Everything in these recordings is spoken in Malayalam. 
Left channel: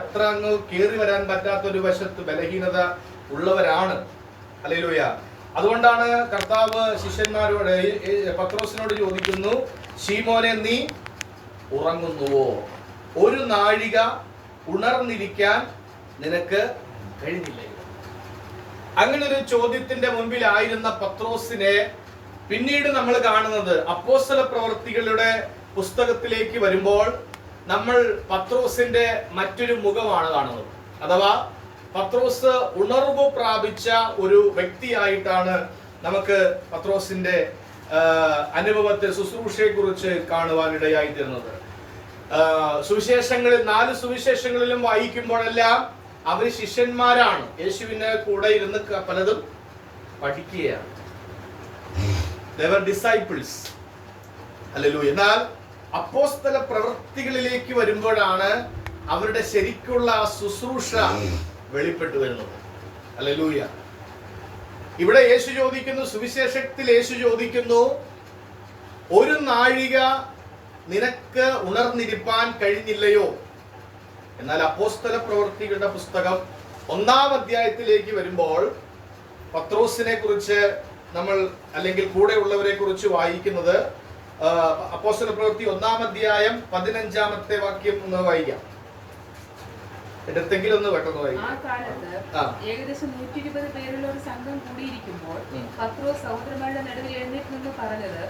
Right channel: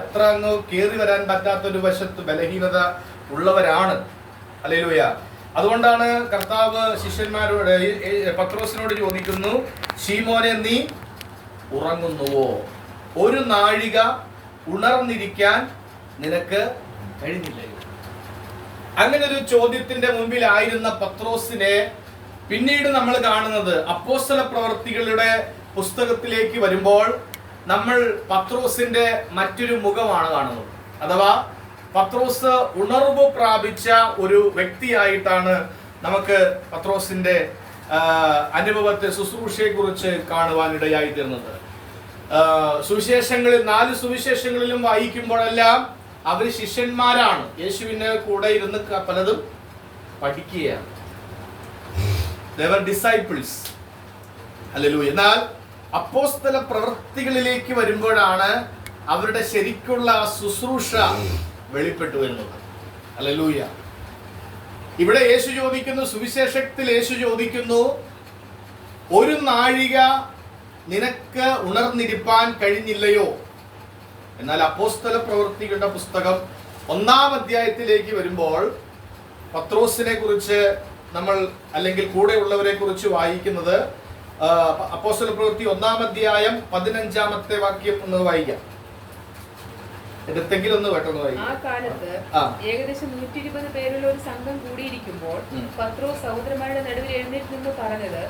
അത്ര അങ്ങ് കയറി വരാൻ പറ്റാത്തൊരു വശത്ത് ബലഹീനത ഉള്ളവരാണ്. ഹല്ലേലൂയ. അതുകൊണ്ടാണ് കർത്താവ് ശിഷ്യന്മാരോട് പത്രോസിനോട് ചോദിക്കുന്നു, ശീമോനെ നീ ഉറങ്ങുന്നുവോ? ഒരു നാഴിക ഉണർന്നിരിക്കാൻ നിനക്ക് കഴിഞ്ഞില്ലയോ? അങ്ങനെ ഒരു ചോദ്യത്തിന്റെ മുമ്പിലായിരുന്ന പത്രോസിനെ പിന്നീട് നമ്മൾ കാണുന്നത് അപ്പോസ്തല പ്രവൃത്തികളുടെ പുസ്തകത്തിലേക്ക് വരുമ്പോൾ നമ്മൾ പത്രോസിന്റെ മറ്റൊരു മുഖമാണ് കാണുന്നത്. അഥവാ പത്രോസ് ഉണർവ് പ്രാപിച്ച ഒരു വ്യക്തിയായിട്ടാണ് നമുക്ക് പത്രോസിന്റെ അനുഭവത്തെ, ശുശ്രൂഷയെ കുറിച്ച് കാണുവാനിടയായി തീർന്നത്. സുവിശേഷങ്ങളിൽ 4 സുവിശേഷങ്ങളിലും വായിക്കുമ്പോഴെല്ലാം അവർ ശിഷ്യന്മാരാണ്, യേശുവിന്റെ കൂടെ ഇരുന്ന് പലതും പഠിക്കുകയാണ്. They were disciples. ഹല്ലേലൂയ. എന്നാൽ അപ്പോസ്തല പ്രവൃത്തികളിലേക്ക് വരുമ്പോഴാണ് അവരുടെ ശരിക്കുള്ള ശുശ്രൂഷ വെളിപ്പെട്ടു വരുന്നത്. ഹല്ലേലൂയ. ഇവിടെ യേശു ചോദിക്കുന്നു, സുവിശേഷത്തിൽ യേശു ചോദിക്കുന്നു, ഒരു നാഴിക നിനക്ക് ഉണർന്നിരിപ്പാൻ കഴിഞ്ഞില്ലയോ? എന്നാൽ അപ്പോസ്തല പ്രവൃത്തികളുടെ പുസ്തകം 1-ാം അധ്യായത്തിലേക്ക് വരുമ്പോൾ പത്രോസിനെ കുറിച്ച് നമ്മൾ, അല്ലെങ്കിൽ കൂടെയുള്ളവരെ കുറിച്ച് വായിക്കുന്നത്, അപ്പോസ്തല പ്രവൃത്തി 1-ാം അധ്യായം 15-ാമത്തെ വാക്യം ഒന്ന് വായിക്കാം. എടുത്തെങ്കിലും ഒന്ന് പെട്ടെന്ന് വായിക്കാം. ആ കാലത്ത് ഏകദേശം 120 പേരുള്ള ഒരു സംഘം കൂടിയിരിക്കുമ്പോൾ പത്രോസ് സഹോദരന്മാരുടെ നടുവിൽ എഴുന്നേറ്റ് നിന്ന് പറഞ്ഞത്,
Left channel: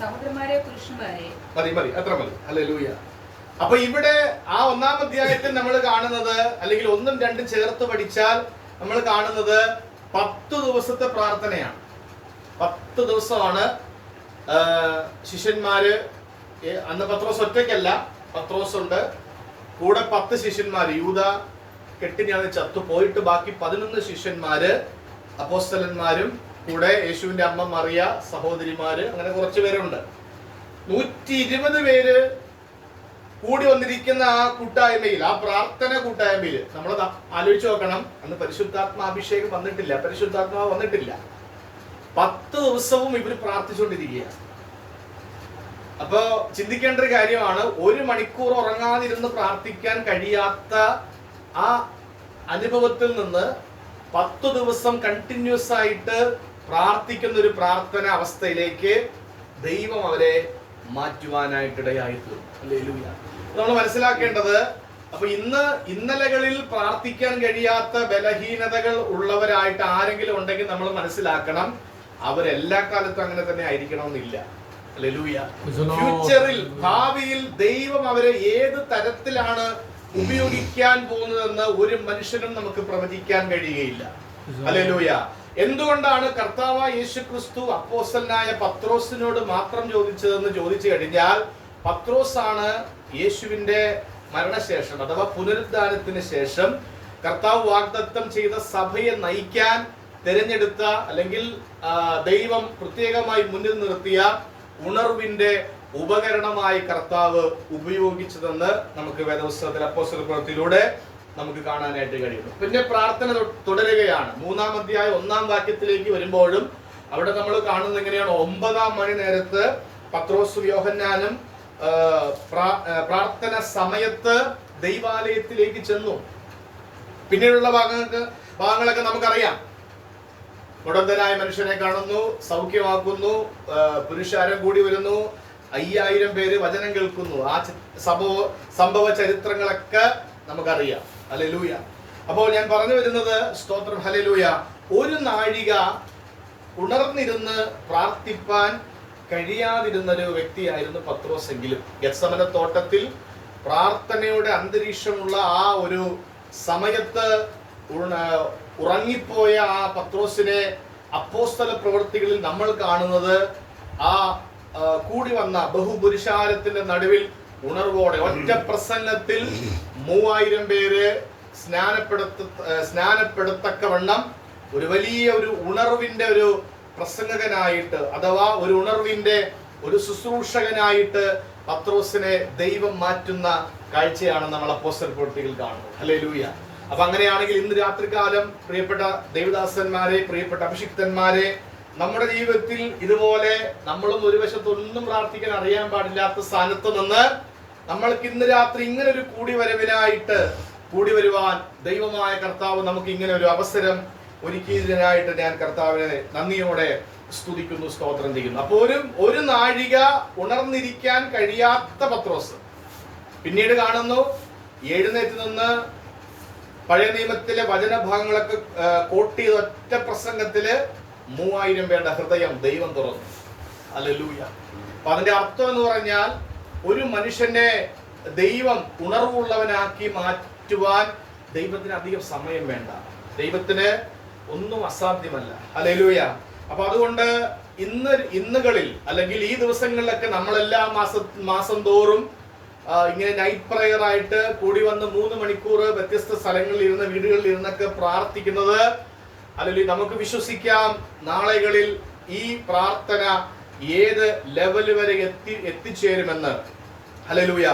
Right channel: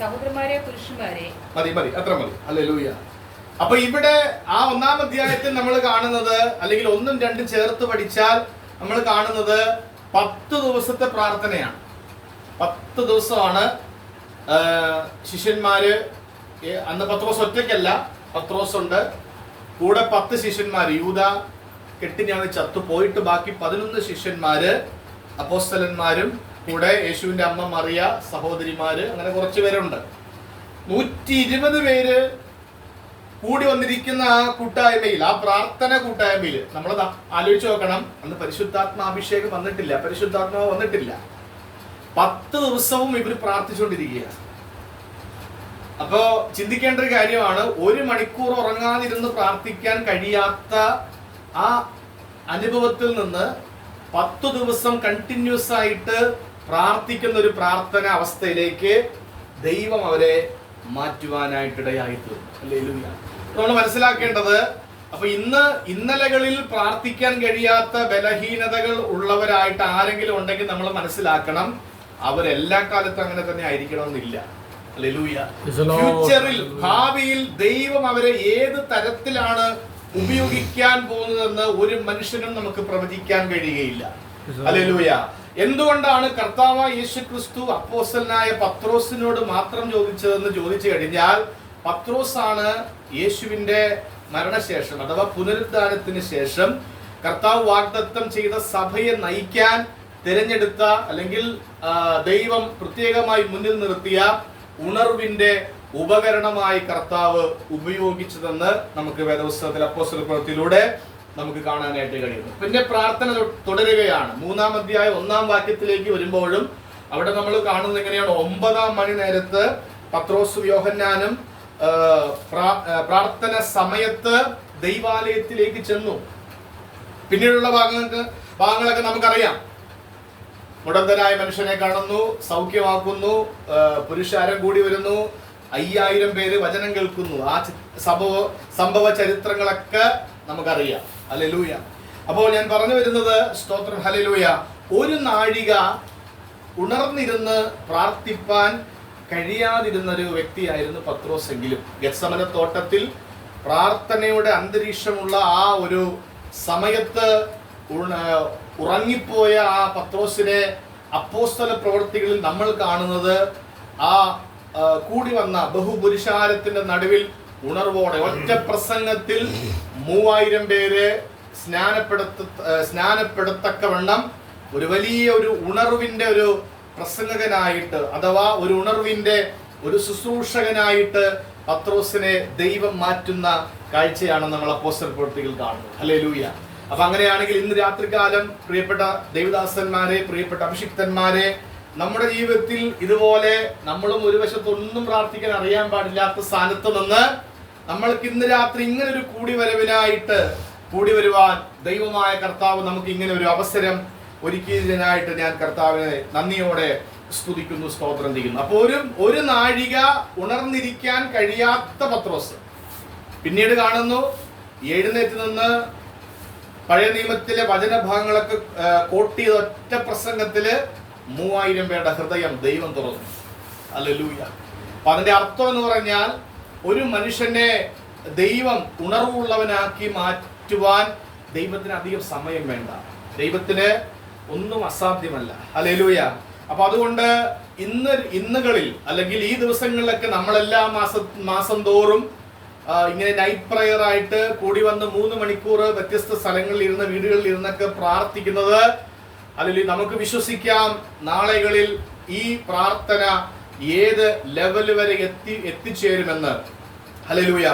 സഹോദരന്മാരെ, പുരുഷന്മാരെ. മതി, അത്ര മതി. ഹല്ലേലൂയ. അപ്പൊ ഇവിടെ ആ 1-ാം അധ്യായത്തിൽ നമ്മൾ കാണുന്നത്, അല്ലെങ്കിൽ 1ഉം 2ഉം ചേർത്ത് പഠിച്ചാൽ നമ്മൾ കാണുന്നത് 10 ദിവസത്തെ പ്രാർത്ഥനയാണ്. 10 ദിവസമാണ് ശിഷ്യന്മാര്. അന്ന് പത്രോസ് ഒറ്റയ്ക്കല്ല, പത്രോസ് ഉണ്ട്, കൂടെ 10 ശിഷ്യന്മാര്. യൂദ കെട്ടിഞ്ഞാണ് ചത്തു പോയിട്ട് ബാക്കി 11 ശിഷ്യന്മാര്, അപ്പോസ്തലന്മാരും കൂടെ യേശുവിന്റെ അമ്മ മറിയ, സഹോദരിമാര്, അങ്ങനെ കുറച്ച് പേരുണ്ട്. 120 പേര് കൂടി വന്നിരിക്കുന്ന ആ കൂട്ടായ്മയിൽ, ആ പ്രാർത്ഥന കൂട്ടായ്മയിൽ നമ്മൾ ആലോചിച്ച് നോക്കണം. അന്ന് പരിശുദ്ധാത്മാഭിഷേകം വന്നിട്ടില്ല, പരിശുദ്ധാത്മാവ് വന്നിട്ടില്ല. 10 ദിവസവും ഇവർ പ്രാർത്ഥിച്ചുകൊണ്ടിരിക്കുകയാണ്. അപ്പോ ചിന്തിക്കേണ്ട ഒരു കാര്യമാണ്, 1 മണിക്കൂർ ഉറങ്ങാതിരുന്ന് പ്രാർത്ഥിക്കാൻ കഴിയാത്ത ആ അനുഭവത്തിൽ നിന്ന് 10 ദിവസം കണ്ടിന്യൂസ് ആയിട്ട് പ്രാർത്ഥിക്കുന്ന ഒരു പ്രാർത്ഥന അവസ്ഥയിലേക്ക് ദൈവം അവരെ മാറ്റുവാനായിട്ടിടയായിത്തീർന്നു. ഹല്ലേലൂയ. നമ്മൾ മനസ്സിലാക്കേണ്ടത്, അപ്പൊ ഇന്നലകളിൽ പ്രാർത്ഥിക്കാൻ കഴിയാത്ത ബലഹീനതകൾ ഉള്ളവരായിട്ട് ആരെങ്കിലും ഉണ്ടെങ്കിൽ നമ്മൾ മനസ്സിലാക്കണം, അവരെല്ലാ കാലത്തും അങ്ങനെ തന്നെ ആയിരിക്കണമെന്നില്ല. ഹല്ലേലൂയ. ഫ്യൂച്ചറിൽ, ഭാവിയിൽ ദൈവം അവരെ ഏത് തരത്തിലാണ് ഉപയോഗിക്കാൻ പോകുന്നതെന്ന് ഒരു മനുഷ്യനും നമുക്ക് പ്രവചിക്കാൻ കഴിയുകയില്ല. ഹല്ലേലൂയ. എന്തുകൊണ്ടാണ് കർത്താവായ യേശുക്രിസ്തു അപ്പോസ്തലനായ പത്രോസിനോട് മാത്രം ചോദിച്ചതെന്ന് ചോദിച്ചു കഴിഞ്ഞാൽ, പത്രോസാണ് യേശുവിന്റെ മരണശേഷം, അഥവാ പുനരുദ്ധാനത്തിന് ശേഷം കർത്താവ് വാഗ്ദത്തം ചെയ്ത സഭയെ നയിക്കാൻ തിരഞ്ഞെടുത്ത, അല്ലെങ്കിൽ ദൈവം പ്രത്യേകമായി മുന്നിൽ നിർത്തിയ ഉണർവിന്റെ ഉപകരണമായി കർത്താവ് ഉപയോഗിച്ചതെന്ന് നമുക്ക് വേദപുസ്തകത്തിൽ അപ്പോസ്തല പ്രവൃത്തിയിലൂടെ നമുക്ക് കാണാനായിട്ട് കഴിയുന്നു. പിന്നെ പ്രാർത്ഥന തുടരുകയാണ്. 3-ാം അധ്യായം 1-ാം വാക്യത്തിലേക്ക് വരുമ്പോഴും അവിടെ നമ്മൾ കാണുന്നത് എങ്ങനെയാണ്? 9-ാം മണി നേരത്ത് പത്രോസും യോഹന്നാനും പ്രാർത്ഥന സമയത്ത് ദൈവാലയത്തിലേക്ക് ചെന്നു. പിന്നീടുള്ള ഭാഗങ്ങളൊക്കെ നമുക്കറിയാം. മുടന്തനായ മനുഷ്യനെ കാണുന്നു, സൗഖ്യമാക്കുന്നു, പുരുഷാരം കൂടി വരുന്നു, 5000 പേര് വചനം കേൾക്കുന്നു. ആ സംഭവ ചരിത്രങ്ങളൊക്കെ നമുക്കറിയാം. ഹല്ലേലൂയ. അപ്പോൾ ഞാൻ പറഞ്ഞു വരുന്നത്, സ്തോത്രം, ഹല്ലേലൂയ, ഒരു നാഴിക ഉണർന്നിരുന്ന് പ്രാർത്ഥിപ്പാൻ കഴിയാതിരുന്ന ഒരു വ്യക്തിയായിരുന്നു പത്രോസ്. എങ്കിലും ഗെത്സമന തോട്ടത്തിൽ പ്രാർത്ഥനയുടെ അന്തരീക്ഷമുള്ള ആ ഒരു സമയത്ത് ഉറങ്ങിപ്പോയ ആ പത്രോസിനെ അപ്പോസ്തല പ്രവൃത്തികളിൽ നമ്മൾ കാണുന്നത് ആ കൂടി വന്ന ബഹുപുരുഷാരത്തിന്റെ നടുവിൽ ഉണർവോടെ ഒറ്റ പ്രസംഗത്തിൽ 3000 പേര് സ്നാനപ്പെടുത്തക്കവണ്ണം ഒരു വലിയ ഒരു ഉണർവിന്റെ ഒരു പ്രസംഗകനായിട്ട്, അഥവാ ഒരു ഉണർവിന്റെ ഒരു ശുശ്രൂഷകനായിട്ട് പത്രോസിനെ ദൈവം മാറ്റുന്ന കാഴ്ചയാണ് നമ്മൾ അപ്പോസ്തല പ്രവൃത്തികൾ കാണുന്നത്. ഹല്ലേലൂയ. അപ്പൊ അങ്ങനെയാണെങ്കിൽ ഇന്ന് രാത്രികാലം പ്രിയപ്പെട്ട ദൈവദാസന്മാരെ, പ്രിയപ്പെട്ട അഭിഷിക്തന്മാരെ, നമ്മുടെ ജീവിതത്തിൽ ഇതുപോലെ നമ്മളും ഒരു വശത്തൊന്നും പ്രാർത്ഥിക്കാൻ അറിയാൻ പാടില്ലാത്ത സ്ഥാനത്ത് നിന്ന് നമ്മൾക്ക് ഇന്ന് രാത്രി ഇങ്ങനെ ഒരു കൂടിവരവിനായിട്ട് കൂടി വരുവാൻ ദൈവമായ കർത്താവ് നമുക്ക് ഇങ്ങനെ ഒരു അവസരം ഒരുക്കിയതിനായിട്ട് ഞാൻ കർത്താവിനെ നന്ദിയോടെ സ്തുതിക്കുന്നു, സ്തോത്രം ചെയ്യുന്നു. അപ്പോൾ ഒരു നാഴിക ഉണർന്നിരിക്കാൻ കഴിയാത്ത പത്രോസ് പിന്നീട് കാണുന്നു എഴുന്നേറ്റ് നിന്ന് പഴയ നിയമത്തിലെ വചനഭാഗങ്ങളൊക്കെ കോട്ട് ചെയ്ത ഒറ്റ പ്രസംഗത്തില് 3000 പേരുടെ ഹൃദയം ദൈവം തുറന്നു. ഹല്ലേലൂയ. അപ്പൊ അതിന്റെ അർത്ഥം എന്ന് പറഞ്ഞാൽ ഒരു മനുഷ്യനെ ദൈവം ഉണർവുള്ളവനാക്കി മാറ്റുവാൻ ദൈവത്തിന് അധികം സമയം വേണ്ട. ദൈവത്തിന് ഒന്നും അസാധ്യമല്ല. ഹല്ലേലൂയ. അപ്പൊ അതുകൊണ്ട് ഇന്നുകളിൽ അല്ലെങ്കിൽ ഈ ദിവസങ്ങളിലൊക്കെ നമ്മളെല്ലാ മാസം തോറും ഇങ്ങനെ നൈറ്റ് പ്രയർ ആയിട്ട് കൂടി വന്ന് 3 മണിക്കൂർ വ്യത്യസ്ത സ്ഥലങ്ങളിൽ ഇരുന്ന് വീടുകളിൽ ഇരുന്നൊക്കെ പ്രാർത്ഥിക്കുന്നത്, അല്ലെങ്കിൽ നമുക്ക് വിശ്വസിക്കാം നാളുകളിൽ ഈ പ്രാർത്ഥന ഏത് ലെവൽ വരെ എത്തിച്ചേരുമെന്ന്. ഹല്ലേലൂയ.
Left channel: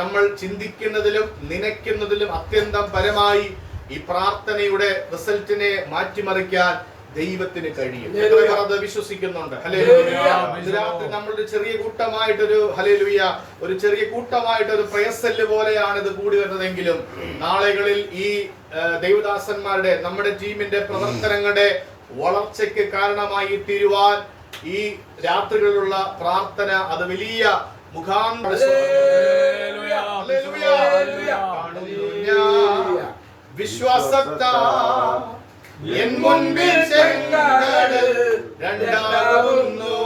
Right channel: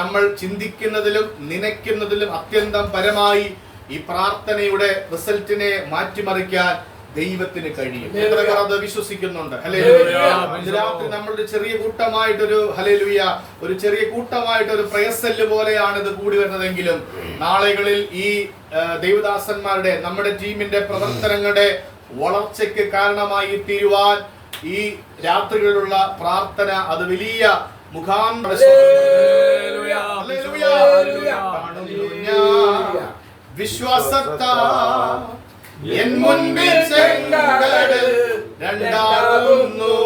നമ്മൾ ചിന്തിക്കുന്നതിലും നനയ്ക്കുന്നതിലും അത്യന്തം പരമായി ഈ പ്രാർത്ഥനയുടെ റിസൾട്ടിനെ മാറ്റിമറിക്കാൻ ദൈവത്തിന് കഴിയും. എത്ര പേർ അത് വിശ്വസിക്കുന്നുണ്ട്? ഹല്ലേലൂയ. രാത്രി നമ്മളൊരു ചെറിയ കൂട്ടമായിട്ടൊരു ഹല്ലേലൂയ ഒരു ചെറിയ കൂട്ടമായിട്ടൊരു പ്രയസെല്ല് പോലെയാണ് ഇത് കൂടി വരുന്നതെങ്കിലും നാളുകളിൽ ഈ ദൈവദാസന്മാരുടെ നമ്മുടെ ടീമിന്റെ പ്രവർത്തനങ്ങളുടെ വളർച്ചയ്ക്ക് കാരണമായി തീരുവാൻ ഈ രാത്രികളിലുള്ള പ്രാർത്ഥന അത് വലിയ വിശ്വാസത്താ എൻ മുൻപിൽ ചെങ്കടൽ രണ്ടാകുന്നു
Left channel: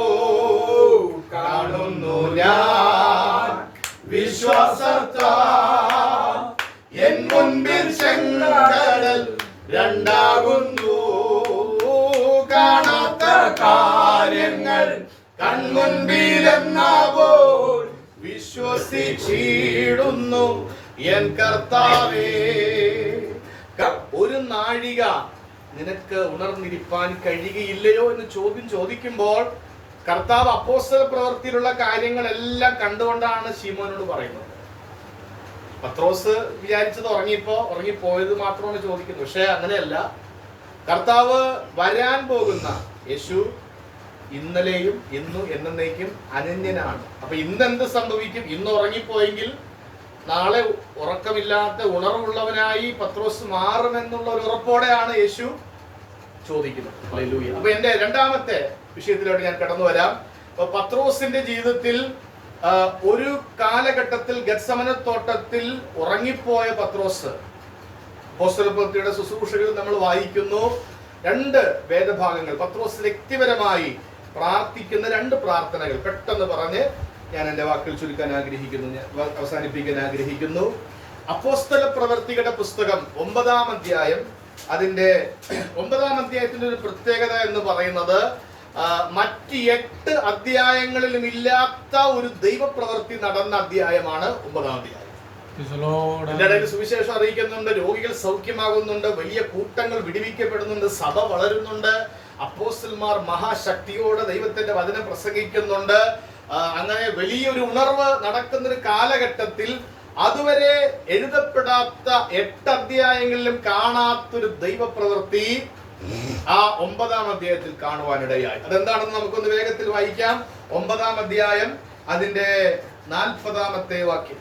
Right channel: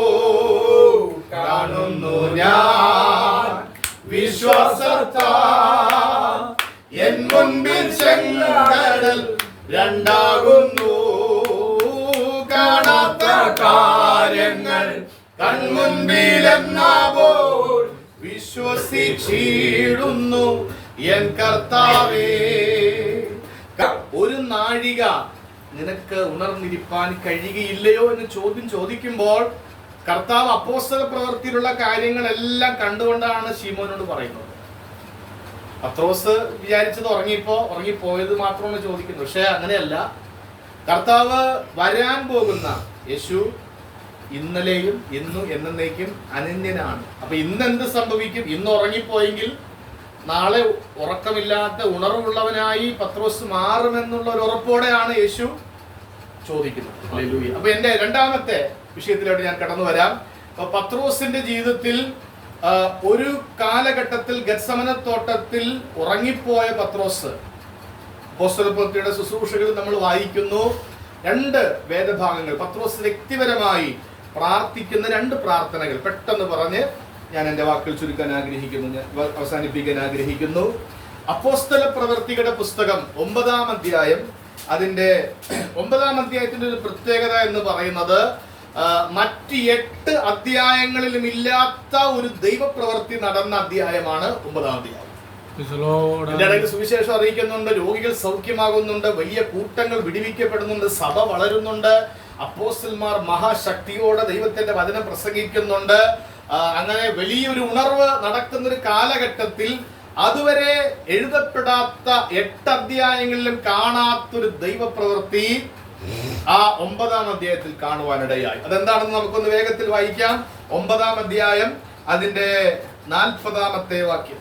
കാണുന്നു ഞാൻ. വിശ്വാസത്താ എൻ മുൻപിൽ ചെങ്കടൽ രണ്ടാകുന്നു കാണാത്ത കാര്യങ്ങൾ കൺമുൻപിലെന്നാവോൾ വിശ്വസിച്ചിടുന്നു എൻ കർത്താവേ. ഒരു നാഴിക നിനക്ക് ഉണർന്നിരിപ്പാൻ കഴിയുകയില്ലയോ എന്ന് ചോദിക്കുമ്പോൾ കർത്താവ് അപ്പോസ്തല പ്രവൃത്തിയിലുള്ള കാര്യങ്ങളെല്ലാം കണ്ടുകൊണ്ടാണ് ശീമോനോട് പറയുന്നത്. പത്രോസ് വിചാരിച്ചത് ഉറങ്ങിപ്പോയത് മാത്രമാണ് ചോദിക്കുന്നത്. പക്ഷെ അങ്ങനെയല്ല. കർത്താവ് വരാൻ പോകുന്ന യേശു ഇന്നലെയും ഇന്നും എന്നേക്കും അനന്യനാണ്. അപ്പൊ ഇന്ന് എന്ത് സംഭവിക്കും? ഇന്ന് ഉറങ്ങിപ്പോയെങ്കിൽ നാളെ ഉറക്കമില്ലാത്ത ഉണർവുള്ളവനായി പത്രോസ് മാറുമെന്നുള്ള ഒരു ഉറപ്പോടെയാണ് യേശു ചോദിക്കുന്നത്. ഹല്ലേലൂയ. അപ്പൊ എന്റെ രണ്ടാമത്തെ വിഷയത്തിലോട്ട് ഞാൻ കടന്നു വരാം. പത്രോസിന്റെ ജീവിതത്തിൽ ഒരു കാലഘട്ടത്തിൽ ഗത്സമനത്തോട്ടത്തിൽ ഉറങ്ങിപ്പോയ പത്രോസ്, അപ്പോസ്തലപ്രവൃത്തിയുടെ ശുശ്രൂഷകളിൽ നമ്മൾ വായിക്കുന്നു 2 വേദഭാഗങ്ങൾ പത്രോസ് വ്യക്തിപരമായി പ്രാർത്ഥിക്കുന്ന 2 പ്രാർത്ഥനകൾ പെട്ടെന്ന് പറഞ്ഞ് ഞാൻ എൻ്റെ വാക്കുകൾ ചുരുക്കാൻ ആഗ്രഹിക്കുന്നു, ഞാൻ അവസാനിപ്പിക്കാൻ ആഗ്രഹിക്കുന്നു. അപ്പോസ്തല പ്രവൃത്തികളുടെ പുസ്തകം 9-ാം അധ്യായം, അതിന്റെ 9-ാം അധ്യായത്തിന്റെ ഒരു പ്രത്യേകത എന്ന് പറയുന്നത് മറ്റ് 8 അധ്യായങ്ങളിലും ഇല്ലാത്ത ഒരു ദൈവപ്രവൃത്തി നടന്ന അധ്യായമാണ് 9-ാം അധ്യായം. ഇതിന്റെ ഇടയിൽ സുവിശേഷം അറിയിക്കുന്നുണ്ട്, രോഗികൾ സൗഖ്യമാകുന്നുണ്ട്, വലിയ കൂട്ടങ്ങൾ വിടുവിക്കപ്പെടുന്നുണ്ട്, സഭ വളരുന്നുണ്ട്, അപ്പോസ്തലന്മാർ മഹാശക്തിയോടെ ദൈവത്തിന്റെ വചനം പ്രസംഗിക്കുന്നുണ്ട്. അങ്ങനെ വലിയൊരു ഉണർവ് നടക്കുന്ന ഒരു കാലഘട്ടത്തിൽ അതുവരെ എഴുതപ്പെടാത്ത 8 അധ്യായങ്ങളിലും കാണാത്തൊരു ദൈവപ്രവൃത്തി ആ 9-ാം അധ്യായത്തിൽ കാണുവാനിടയായി. അതെന്താണെന്ന് നമുക്കൊന്ന് വേഗത്തിൽ വായിക്കാം. 9-ാം അധ്യായം അതിന്റെ 40-ാമത്തെ വാക്യം.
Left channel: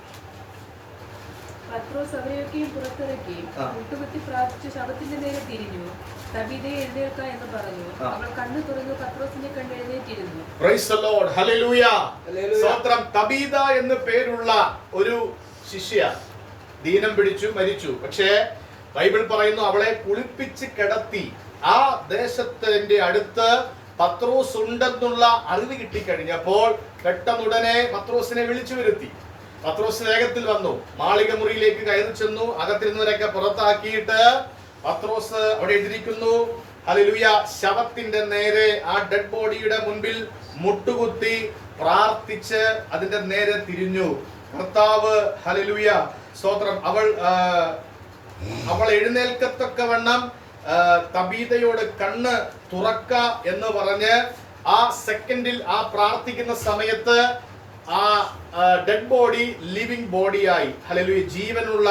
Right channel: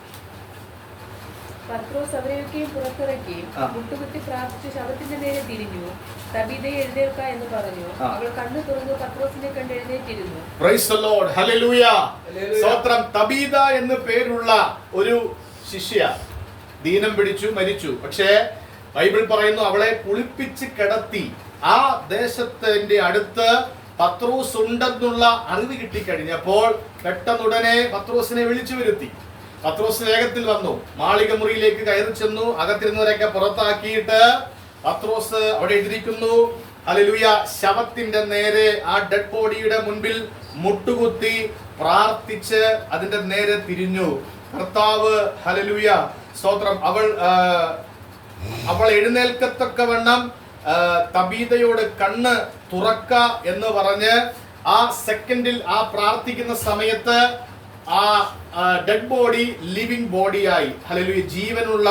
പത്രോസ് അവരെയൊക്കെയും പുറത്തിറക്കി മുട്ടുകുത്തി പ്രാർത്ഥിച്ച് ശവത്തിന്റെ നേരെ തിരിഞ്ഞു, തബീതയെ എഴുന്നേൽക്ക എന്ന് പറഞ്ഞു. അവൾ കണ്ണു തുറന്നു പത്രോസിനെ കണ്ട് എഴുന്നേറ്റിരുന്നു. Praise the lord. ഹല്ലേലൂയ. സ്തോത്രം. തബീത എന്ന് പേരുള്ള ഒരു ശിഷ്യ ദീനം പിടിച്ചു മരിച്ചു. പക്ഷേ ബൈബിൾ പറയുന്നു അവളെ കുളിപ്പിച്ച് കിടത്തി. ആ ദേശത്തിന്റെ അടുത്ത് പത്രോസ് ഉണ്ടെന്നുള്ള അറിവ് കിട്ടിക്കഴിഞ്ഞപ്പോൾ പെട്ടെന്നുടനെ പത്രോസിനെ വിളിച്ചു വരുത്തി. പത്രോസ് വേഗത്തിൽ വന്നു, മാളിക മുറിയിലേക്ക് കയറി ചെന്നു, അകത്തിരുന്നവരൊക്കെ പുറത്താക്കിയിട്ട് പത്രോസ് അവിടെ എഴുതിയിരിക്കുന്നു, ഹല്ലേലൂയ, ശവത്തിന്റെ നേരെ ആ ഡെഡ് ബോഡിയുടെ മുൻപിൽ മുട്ടുകുത്തി പ്രാർത്ഥിച്ച് അതിന്റെ നേരെ തിരിഞ്ഞു. കർത്താവ്, ഹല്ലേലൂയ, സ്തോത്രം, അവൾ എഴുന്നേൽക്കത്തക്കവണ്ണം തബീതയോട് കണ്ണ് തുറക്ക എന്ന് പറഞ്ഞ് ആ സെക്കൻഡിൽ ആ പ്രാർത്ഥിക്കുന്ന സമയത്ത് ആ ഡെഡ് ബോഡി ലിവിംഗ് ബോഡിയായി, ഹല്ലേലൂയ, ജീവനുള്ള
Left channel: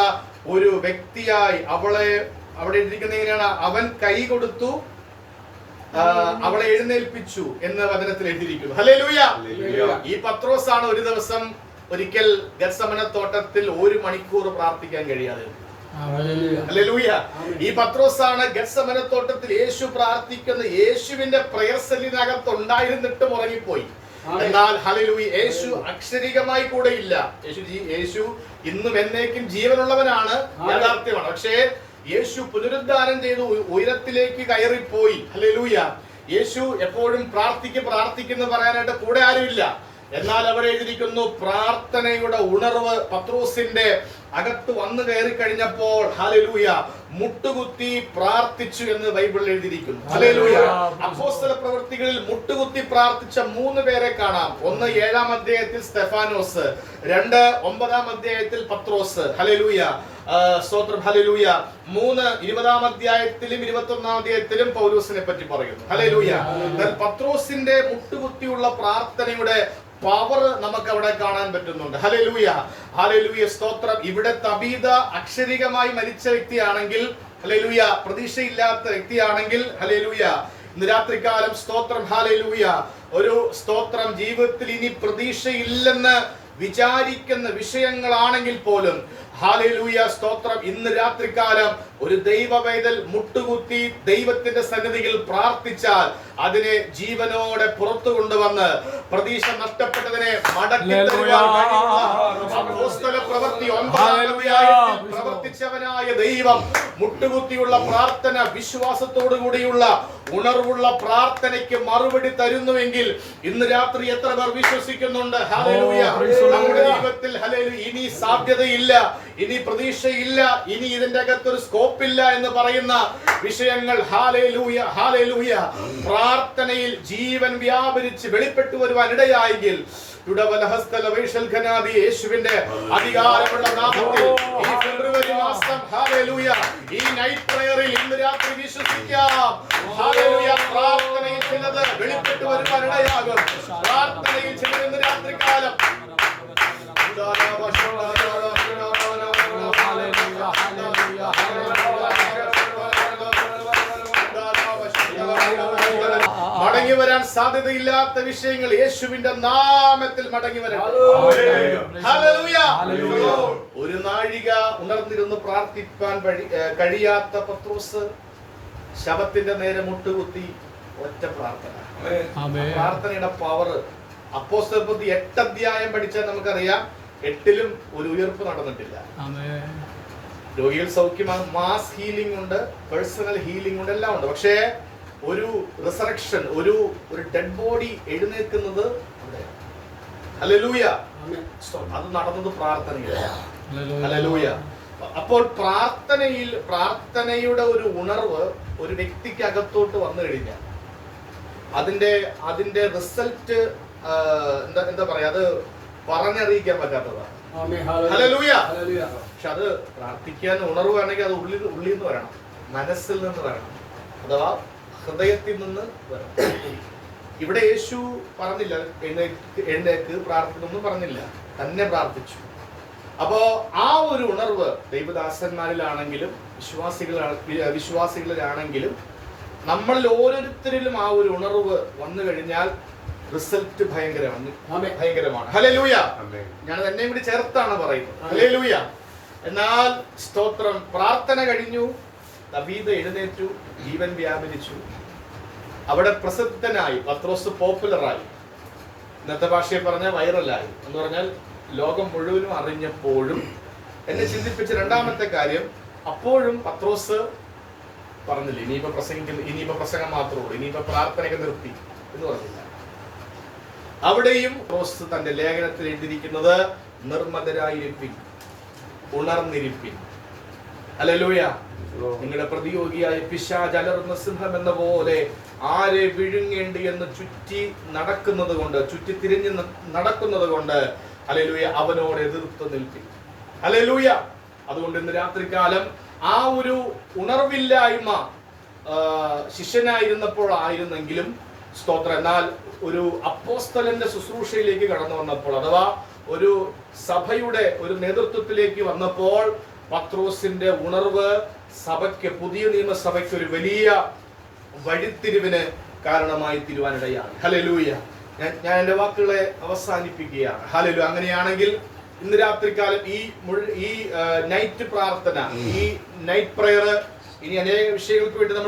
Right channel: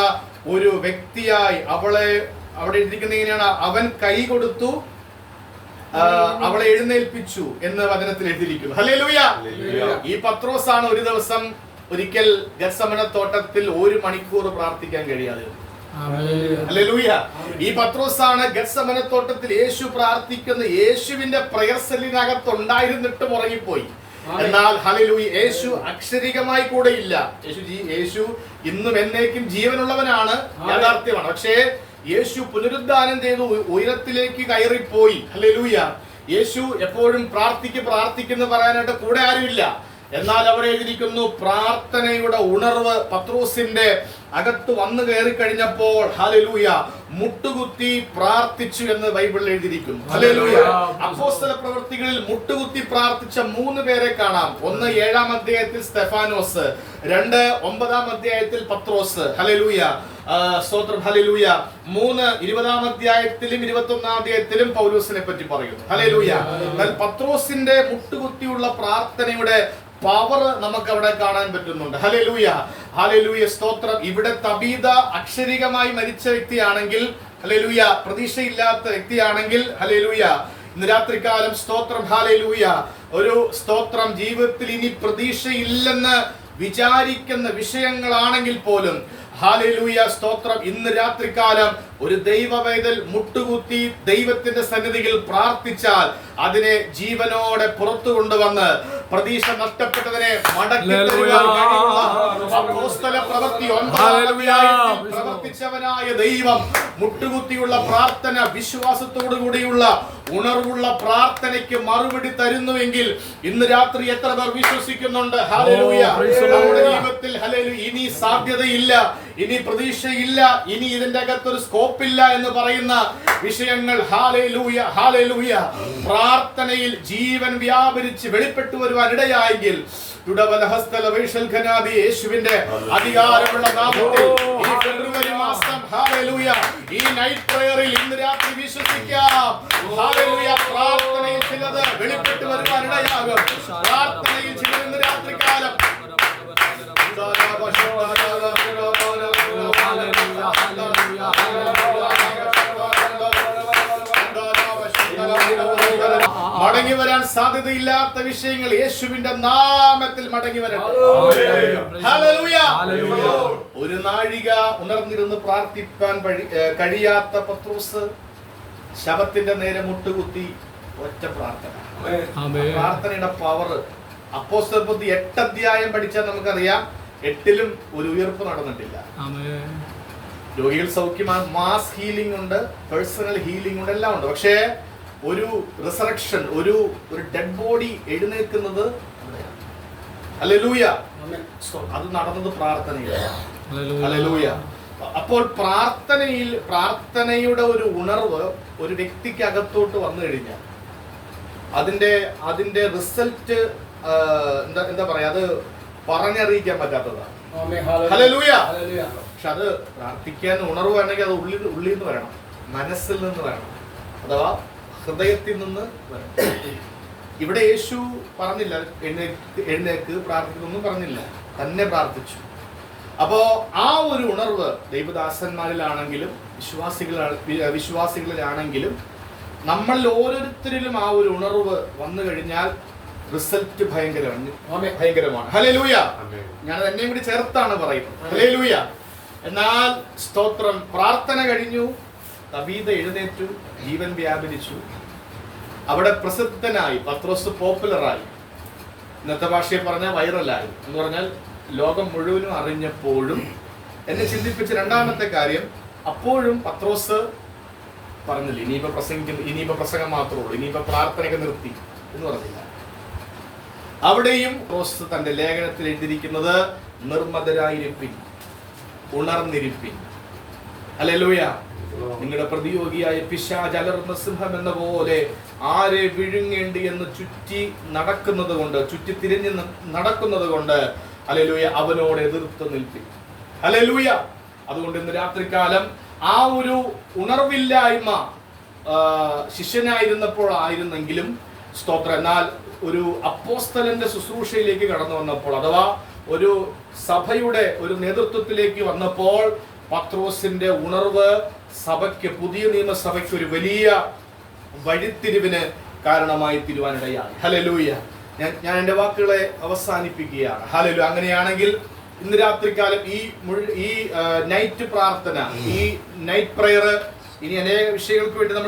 ഒരു വ്യക്തിയായി അവളെ അവിടെ എഴുതിയിരിക്കുന്നതിനാണ് അവൻ കൈ കൊടുത്തു അവളെ എഴുന്നേൽപ്പിച്ചു എന്ന് വചനത്തിൽ എഴുതിയിരിക്കുന്നു. ഹല്ലേലൂയ. ഈ പത്രോസാണ് ഒരു ദിവസം ഒരിക്കൽ ഗത്സമനത്തോട്ടത്തിൽ 1 മണിക്കൂർ പ്രാർത്ഥിക്കാൻ കഴിയാതെ. ഹല്ലേലൂയ. ഈ പത്രോസാണ് ഗത്സമനത്തോട്ടത്തിൽ യേശു പ്രാർത്ഥിക്കുന്ന യേശുവിന്റെ പ്രയർ സെല്ലിനകത്ത് ഉണ്ടായിരുന്നിട്ടും ഉറങ്ങിപ്പോയി. എന്നാൽ ഹല്ലേലൂയ, യേശു അക്ഷരികമായി കൂടെ ഇല്ല. യേശു ഇന്നും എന്നേക്കും ജീവനുള്ളവനാണ്, യാഥാർത്ഥ്യമാണ്. പക്ഷേ യേശു പുനരുദ്ധാനം ചെയ്തു ഉയരത്തിലേക്ക് കയറിപ്പോയി. ഹല്ലേലൂയ. യേശു എപ്പോഴും പ്രാർത്ഥിക്കുന്ന പറയാനായിട്ട് കൂടെ ആരുമില്ല. എന്നാൽ അവിടെ എഴുതിയിരിക്കുന്നു, പ്രാർത്ഥനയുടെ ഉണർവ് പത്രോസിന്റെ അകത്ത് വന്നു കയറി കഴിഞ്ഞപ്പോൾ ഹല്ലേലൂയ മുട്ടുകുത്തി പ്രാർത്ഥിച്ചു എന്ന് ബൈബിളിൽ എഴുതിയിരിക്കുന്നു. ഹല്ലേലൂയ. അപ്പോസ്തല പ്രവൃത്തികളിൽ മുട്ടുകുത്തി പ്രാർത്ഥിച്ച 3 പേരെ കാണാം. 1 7-ാം അധ്യായത്തിൽ സ്തെഫാനോസ്, 2 9-ാം അധ്യായത്തിൽ പത്രോസ്. ഹല്ലേലൂയ, സ്തോത്രം. ഹല്ലേലൂയ. 3 20-ാം അധ്യായത്തിലും 21-ാം അധ്യായത്തിലും പൗലോസിനെ പറ്റി പറയുന്നു. ഹല്ലേലൂയ. പത്രോസിന്റെ മുട്ടുകുത്തിയുള്ള പ്രാർത്ഥനയുടെ പവർ നമുക്ക് അവിടെ കാണാൻ പറ്റുന്നുണ്ട്. ഹല്ലേലൂയ, ഹല്ലേലൂയ, സ്തോത്രം. ഇവിടെ തബീത അക്ഷരികമായി മരിച്ച വ്യക്തിയാണെങ്കിൽ, ഹല്ലേലൂയ, പ്രതീക്ഷയില്ലാത്ത വ്യക്തിയാണെങ്കിൽ, ഹല്ലേലൂയ, ഇന്ന് രാത്രികാലം സ്തോത്രം, ഹല്ലേലൂയ, ഒരു സ്തോത്രം, ജീവിതത്തിൽ ഇനി പ്രതീക്ഷയില്ലെന്ന് വിചാരിക്കുന്ന വിഷയങ്ങളാണെങ്കിൽ പോലും, ഹല്ലേലൂയ, സ്തോത്രം, ഇന്ന് രാത്രികാലം ഒരു ദൈവവേദൽ മുട്ടുകുത്തി ദൈവത്തിന്റെ സന്നിധിയിൽ പ്രാർത്ഥിച്ചാൽ അതിനെ ജീവനോടെ പുറത്തു കൊണ്ടുവന്ന് പ്രതീക്ഷ നഷ്ടപ്പെട്ടതിനെ മടക്കി പ്രവർത്തിച്ചവനായ ദൈവം മുട്ടുകുത്തിയുള്ള പ്രാർത്ഥന, വിശ്വാസത്തോടു കൂടിയുള്ള ഉണർവുള്ള പ്രാർത്ഥനയ്ക്ക് മറുപടി തരുന്നുവെങ്കിൽ ഇന്ന് രാത്രി എത്ര പേർ വിശ്വസിക്കുന്നുണ്ട്? ഹല്ലേലൂയ. നമ്മുടെ ജീവിതത്തിൽ ഹല്ലേലൂയ ഇനി സാധ്യതയില്ല, ഇനി പ്രതീക്ഷയില്ല, ഇനി ഇതിന്റെ അകത്തൊരു സ്കോപ്പില്ല എന്ന് പറയുന്ന വിഷയങ്ങൾ, ഹല്ലേലൂയ, ഹല്ലേലൂയ, പ്രാർത്ഥനയിൽ ജീവൻ വ്യാപരിച്ച് വെളിപ്പെട്ടു വരുവാൻ ഇടയായെങ്കിൽ യേശുവിന്റെ അധികാരമുള്ള നാമത്തിൽ ഈ ഫെബ്രുവരി മാസം, ഹല്ലേലൂയ, ഈ നൈറ്റ് പ്രയറിൽ ഇന്ന് രാത്രി വിശ്വസിക്കാം. ഹല്ലേലൂയ, പ്രാർത്ഥനയിൽ ചിലത് വെളിപ്പെട്ടു വരുവാൻ ഇടയാകും. പ്രാർത്ഥനയിൽ ചിലത് ഇന്ന് രാത്രി കാലം മടങ്ങി വരാൻ സാധ്യതയില്ലാത്ത വിഷയങ്ങൾ യേശുവിന്റെ നാമത്തിൽ മടങ്ങി വരട്ടെ. ഹല്ലേലൂയ. ഒരു നാഴിക ഉണർന്നിരുന്ന് പ്രാർത്ഥിപ്പാൻ കഴിയാത്ത പത്രോസ് ശവത്തിന്റെ നേരെ മുട്ടുകുത്തി ഒറ്റ പ്രാർത്ഥന. പ്രാർത്ഥനയുടെ പവർ അപ്പോസ്തലപ്രവൃത്തി 8 അധ്യായം പഠിച്ചാൽ നമുക്കറിയാം, 8-ലും ഒരു ഉയർപ്പ് നടന്നിട്ടില്ല. രോഗികൾ സൗഖ്യമാണ്, മാസ് ഹീലിംഗ് ഉണ്ട്, പേഴ്സണൽ ഹീലിംഗ് ഉണ്ട്, എല്ലാം ഉണ്ട്. പക്ഷേ ഒരു റിസറക്ഷൻ, ഒരു ഡെഡ് ബോഡി എഴുന്നേൽക്കുന്നത് ഹല്ലേലൂയ, അത് നടന്നത് പ്രാർത്ഥനയിലാണ്. ഹല്ലേലൂയ. അപ്പോൾ പ്രാർത്ഥനയുടെ ഒരു ഉണർവ് ഒരു വ്യക്തിക്ക് അകത്തോട്ട് വന്നു കഴിഞ്ഞാൽ അതിന്റെ റിസൾട്ട് എന്താ പറയാ, അത് പറഞ്ഞറിയിക്കാൻ പറ്റാത്തതാണ്. ഹല്ലേലൂയ. പക്ഷെ അത് പ്രാർത്ഥിക്കാൻ ഉണർവ് വേണമെങ്കിൽ അത് ഉള്ളിൽ നിന്ന് വരണം, മനസ്സിൽ നിന്ന് വരണം, അഥവാ ഹൃദയത്തിൽ നിന്ന് വരണം. ഇവിടെ യേശു പറഞ്ഞില്ല എഴുന്നേക്ക് പ്രാർത്ഥിക്കുന്നൊന്നും പറഞ്ഞില്ല, തന്നെ പ്രാർത്ഥിച്ചു. അപ്പോ ആ ഒരു ഉണർവ് ദൈവദാസന്മാരിലാണെങ്കിലും വിശ്വാസികളിലാണെങ്കിലും നമ്മളിൽ ഓരോരുത്തരിലും ആ ഒരു ഉണർവ് വന്നു കഴിഞ്ഞാൽ റിസൾട്ട് ഭയങ്കരമാണ്. ഹല്ലേലൂയ. ഞാൻ എന്നെയും കൂടി ചേർത്താണ് പറയുന്നത്. ഹല്ലേലൂയ. എന്നാൽ സ്തോത്രം, പ്രാർത്ഥന കഴിഞ്ഞു, തബീത എഴുന്നേറ്റു, ജീവൻ വ്യാപരിച്ചു, അവിടെ പ്രസിദ്ധനായി, പത്രോസ് പോപ്പുലറായി, ഇന്നത്തെ ഭാഷയിൽ പറഞ്ഞ വൈറലായി എന്ന് പറഞ്ഞാൽ ലോകം മുഴുവനും അറിഞ്ഞപ്പോഴും എന്നെ ചിന്തിപ്പിച്ച രണ്ടാമത്തെ കാര്യം, അപ്പോഴും പത്രോസ് പറഞ്ഞില്ല ഇനിയിപ്പോ പ്രസംഗം മാത്രമേ ഉള്ളൂ, ഇനിയിപ്പോ പ്രാർത്ഥനയൊക്കെ നിർത്തി എന്ന് പറഞ്ഞില്ല. അവിടെയും പത്രോസ് തന്റെ ലേഖനത്തിൽ എഴുതിയിരിക്കുന്നത്, നിർമ്മതരായിരിപ്പിൻ, ഉണർന്നിരിപ്പിൻ. ഹല്ലേലൂയ. നിങ്ങളുടെ പ്രതിയോഗിയായ പിശാച് അലറുന്ന സിംഹം എന്ന പോലെ ആരെ വിഴുങ്ങേണ്ടി എന്ന് ചുറ്റി തിരിഞ്ഞ് നടക്കുന്നത് കൊണ്ട് ഹല്ലേലൂയ അവനോട് എതിർത്ത് നിൽപ്പിൻ. ഹല്ലേലൂയ. അതുകൊണ്ട് ഇന്ന് രാത്രികാലം ആ ഒരു ഉണർവില്ലായ്മ ശിഷ്യനായിരുന്നപ്പോൾ ആയിരുന്നെങ്കിലും സ്തോത്രം, എന്നാൽ ഒരു അപ്പോസ്തലന്റെ ശുശ്രൂഷയിലേക്ക് കടന്നു വന്നപ്പോൾ, അഥവാ ഒരു സഭയുടെ ഒരു നേതൃത്വത്തിലേക്ക് വന്നപ്പോൾ പത്രോസിന്റെ ഉണർവ് സഭയ്ക്ക്, പുതിയ നിയമസഭയ്ക്ക് ഒരു വലിയ വഴിത്തിരിവിന് കാരണമായി തീരുവാനിടയായി. ഹല്ലേലൂയ. ഞാൻ എൻ്റെ വാക്കുകളെ അവസാനിപ്പിക്കുകയാണ്. ഹല്ലേലൂയ. അങ്ങനെയാണെങ്കിൽ ഇന്ന് രാത്രികാലം ഈ നൈറ്റ് പ്രാർത്ഥന, ഈ നൈറ്റ് പ്രയർ, ഇനി അനേക വിഷയങ്ങൾക്ക് വേണ്ടി നമ്മൾ